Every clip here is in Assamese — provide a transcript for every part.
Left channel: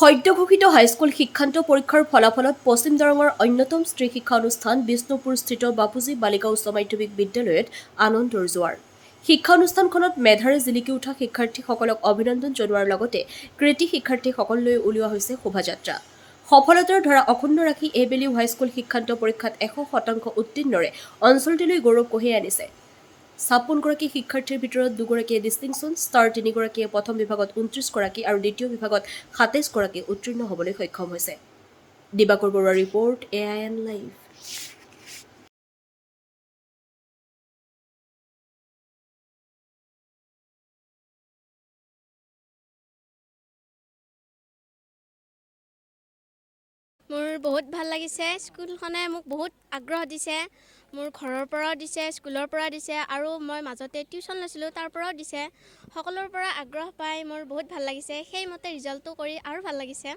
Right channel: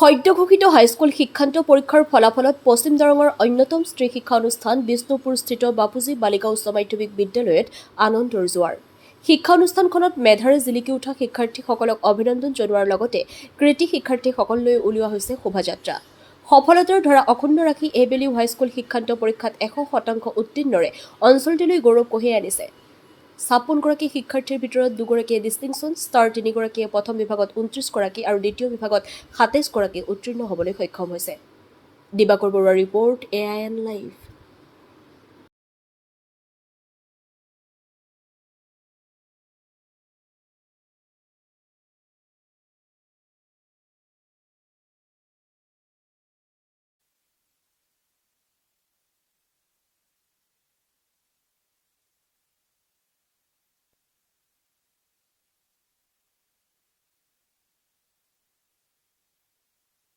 সদ্য ঘোষিত হাইস্কুল শিক্ষান্ত পৰীক্ষাৰ ফলাফলত পশ্চিম দৰঙৰ অন্যতম স্ত্ৰী শিক্ষা অনুষ্ঠান বিষ্ণুপুৰস্থিত বাপুজী বালিকা উচ্চ মাধ্যমিক বিদ্যালয়ত আনন্দৰ জোৱাৰ। শিক্ষা অনুষ্ঠানখনত মেধাৰে জিলিকি উঠা শিক্ষাৰ্থীসকলক অভিনন্দন জনোৱাৰ লগতে কৃতি শিক্ষাৰ্থীসকললৈ উলিওৱা হৈছে শোভাযাত্ৰা। সফলতাৰ ধাৰা অক্ষুণ্ণ ৰাখি এইবেলিও হাইস্কুল শিক্ষান্ত পৰীক্ষাত 100% উত্তীৰ্ণৰে অঞ্চলটিলৈ গৌৰৱ কঢ়িয়াই আনিছে। 56গৰাকী শিক্ষাৰ্থীৰ ভিতৰত 2গৰাকীয়ে ডিষ্টিংশ্যন ষ্টাৰ, 3গৰাকীয়ে প্ৰথম বিভাগত 29গৰাকী আৰু দ্বিতীয় বিভাগত 27গৰাকী উত্তীৰ্ণ হ'বলৈ সক্ষম হৈছে। দিবাকৰ বৰুৱাৰ ৰিপৰ্ট, AIN লাইভ। মোৰ বহুত ভাল লাগিছে। স্কুলখনে মোক বহুত আগ্ৰহ দিছে। মোৰ ঘৰৰ পৰাও দিছে, স্কুলৰ পৰা দিছে আৰু মই মাজতে টিউশ্যন লৈছিলোঁ, তাৰ পৰাও দিছে। সকলোৰ পৰা আগ্ৰহ পাই মোৰ বহুত ভাল লাগিছে। সেইমতে ৰিজাল্টটো কৰি আৰু ভাল লাগিছে।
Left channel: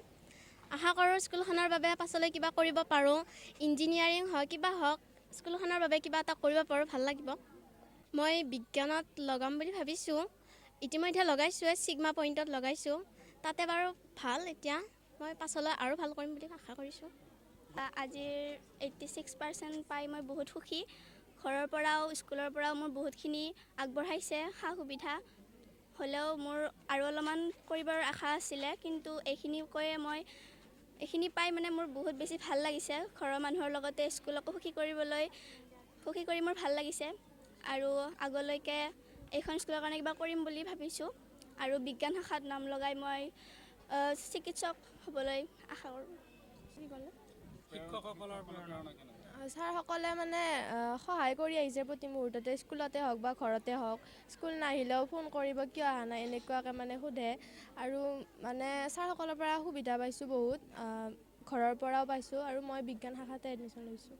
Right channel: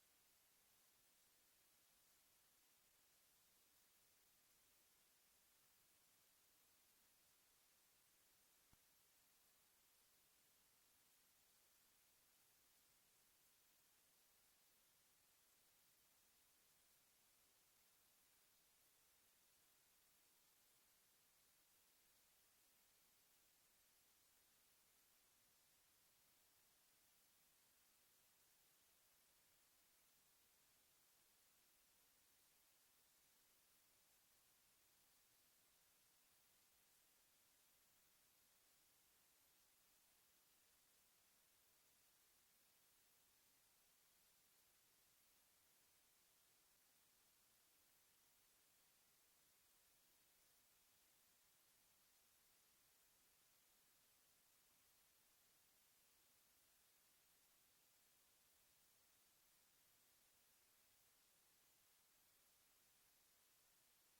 আশা কৰোঁ স্কুলখনৰ বাবে পাছলৈ কিবা কৰিব পাৰোঁ। ইঞ্জিনিয়াৰিং হওক, কিবা হওক, স্কুলখনৰ বাবে কিবা এটা কৰিব পাৰোঁ, ভাল লাগিব। মই বিজ্ঞানত লগাম বুলি ভাবিছোঁ। ইতিমধ্যে লগাইছোঁৱে, ছিগমা পইণ্টত লগাইছোঁ। তাতে বাৰু ভাল। এতিয়া মই পাছলৈ আৰু ভাল কৰিম বুলি আশা কৰিছোঁ। আজিৰ 86% পাই মই বহুত সুখী। ঘৰৰ পৰাও স্কুলৰ পৰাও মোৰ বহুতখিনি আগবঢ়াইছে সা সুবিধা। হ'লেও মোৰ আৰু অলপমান কৰিবৰ আশা আছিলে, কিন্তু এইখিনি পাই মানে মোৰ বহুত বেছি ভাল লাগিছে। ঘৰৰ মানুহৰ লগতে স্কুলকো সুখী কৰি মোৰ ভাল লাগিছে আৰু আগলৈকে এইখন স্কুলৰ কাৰণে কিবা কৰিম বুলি ভাবিছোঁ আৰু বিজ্ঞান শাখাত নাম লগাই মই চিকিৎসক হ'বলৈ আশা কৰোঁ। ছাৰসকলে মানে সহায় কৰি আহিছে প্ৰতি মুহূৰ্ততে, স্কুলতে হওক বা ঘৰতে হওক। স্কুল নাহিলেও ফোন কৰিব, কিয় অহা নাই, এনেকুৱাকৈ মানে সোধে। আৰু মানে ছাৰসকলৰ পৰা সুবিধা পাইছোঁ বহুত, ঘৰৰ পৰাও পাইছোঁ আৰু মই বিজ্ঞান শাখাতে এডমিশ্যন লৈছোঁ।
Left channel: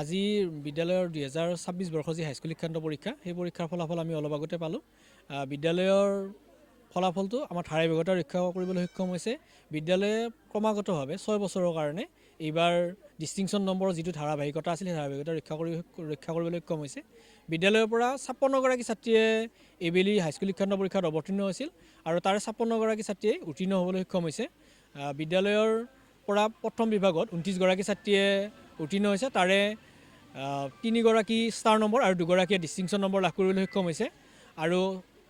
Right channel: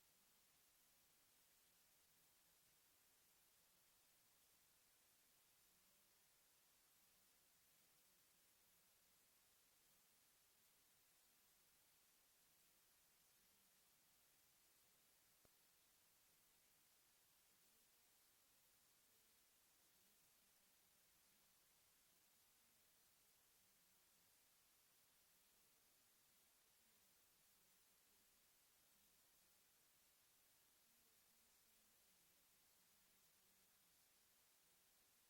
আজি বিদ্যালয়ৰ 2026 বৰ্ষৰ যি হাইস্কুল শিক্ষান্ত পৰীক্ষা, সেই পৰীক্ষাৰ ফলাফল আমি অলপ আগতে পালোঁ। বিদ্যালয়ৰ ফলাফলটো আমাৰ ধাৰাবাহিকতা ৰক্ষা কৰিবলৈ সক্ষম হৈছে। বিদ্যালয়ে ক্ৰমাগতভাৱে 6 বছৰৰ কাৰণে এইবাৰ ডিষ্টিংশ্যন নম্বৰৰ যিটো ধাৰাবাহিকতা আছিল, সেই ধাৰাবাহিকতা ৰক্ষা কৰিবলৈ সক্ষম হৈছে। বিদ্যালয়ৰ পৰা 56গৰাকী ছাত্ৰীয়ে এইবেলি হাইস্কুল শিক্ষান্ত পৰীক্ষাত অৱতীৰ্ণ হৈছিল আৰু তাৰে 56গৰাকী ছাত্ৰীয়ে উত্তীৰ্ণ হ'বলৈ সক্ষম হৈছে। বিদ্যালয়ৰ পৰা প্ৰথম বিভাগত 29গৰাকী ছাত্ৰীয়ে উত্তীৰ্ণ হৈছে, তাৰে 3গৰাকী ষ্টাৰ নম্বৰ আৰু 2গৰাকীয়ে ডিষ্টিংশ্যন নম্বৰ লাভ কৰিবলৈ সক্ষম হৈছে আৰু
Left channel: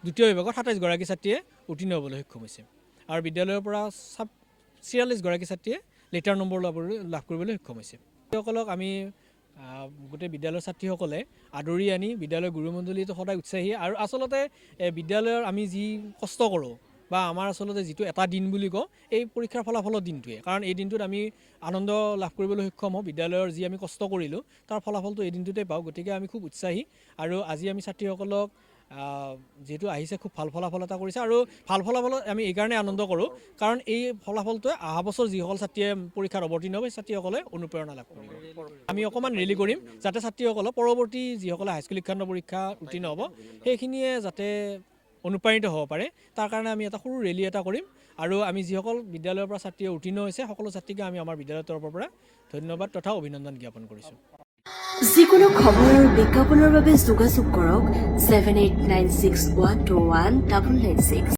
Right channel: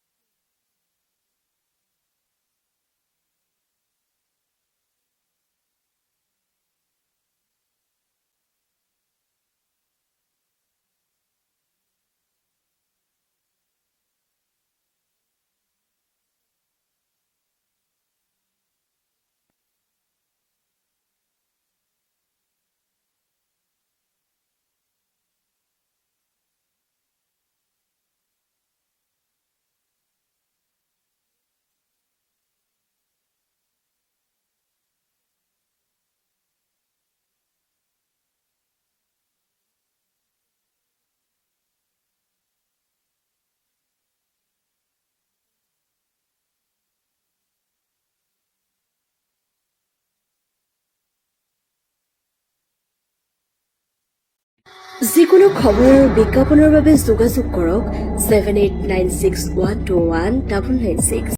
দ্বিতীয় বিভাগত 27গৰাকী ছাত্ৰীয়ে উত্তীৰ্ণ হ'বলৈ সক্ষম হৈছে আৰু বিদ্যালয়ৰ পৰা 46গৰাকী ছাত্ৰীয়ে লেটাৰ নম্বৰ লাভ কৰিবলৈ সক্ষম হৈছে। সকলক আমি গোটেই বিদ্যালয়ৰ ছাত্ৰীসকলে আদৰি আনি বিদ্যালয়ৰ গুৰুমণ্ডলীটো সদায় উৎসাহী আৰু আচলতে বিদ্যালয়ৰ আমি যি কষ্ট কৰোঁ বা আমাৰ আচলতে যিটো এটা দিন বুলি কওঁ, এই পৰীক্ষাৰ ফলাফলৰ দিনটোৱে। কাৰণ এই দিনটোত আমি আনন্দ লাভ কৰিবলৈ সক্ষম হওঁ। বিদ্যালয়ৰ যি আমি কষ্ট কৰিলোঁ তাৰ ফলাফলটো এই দিনটোতে পাওঁ। গতিকে আমি খুব উৎসাহী আৰু আজি আমি ছাত্ৰীসকলক যিহেতু আহিছে, খুব ভাল ফলাফল এটা কৰিছে আৰু ভাল ফলাফলত আমি এইকাৰণে আনন্দ কৰোঁ কাৰণ এই ফলাফলটোৱে অহা বছৰ যিসকল ছাত্ৰীয়ে পৰীক্ষাত অৱতীৰ্ণ হ'ব, সেই ছাত্ৰীসকলে অনুপ্ৰেৰণা লাভ কৰিব। আমি অকণমান ৰেলী কৰিম যাতে ছাত্ৰীসকলক পৰৱৰ্তী যিসকলে হাইস্কুল শিক্ষান্ত পৰীক্ষা উত্তীৰ্ণ হ'ব, সেইখিনিয়ে যাতে অনুপ্ৰাণিত হ'ব পাৰে, তাৰ কাৰণে আমি এটা সৰু ৰেলী এটা কৰিম আৰু আমি যিসকল বিদ্যালয়ৰ পৰা ছাত্ৰীয়ে উত্তীৰ্ণ হৈছে, সকলো ছাত্ৰীকে আমি আমাৰ বিদ্যালয়ৰ তৰফৰ পৰা ধন্যবাদ তথা অভিনন্দন জ্ঞাপন কৰিছোঁ। যিকোনো খবৰ আৰু বিজ্ঞাপনৰ বাবে যোগাযোগ কৰক 7896121996।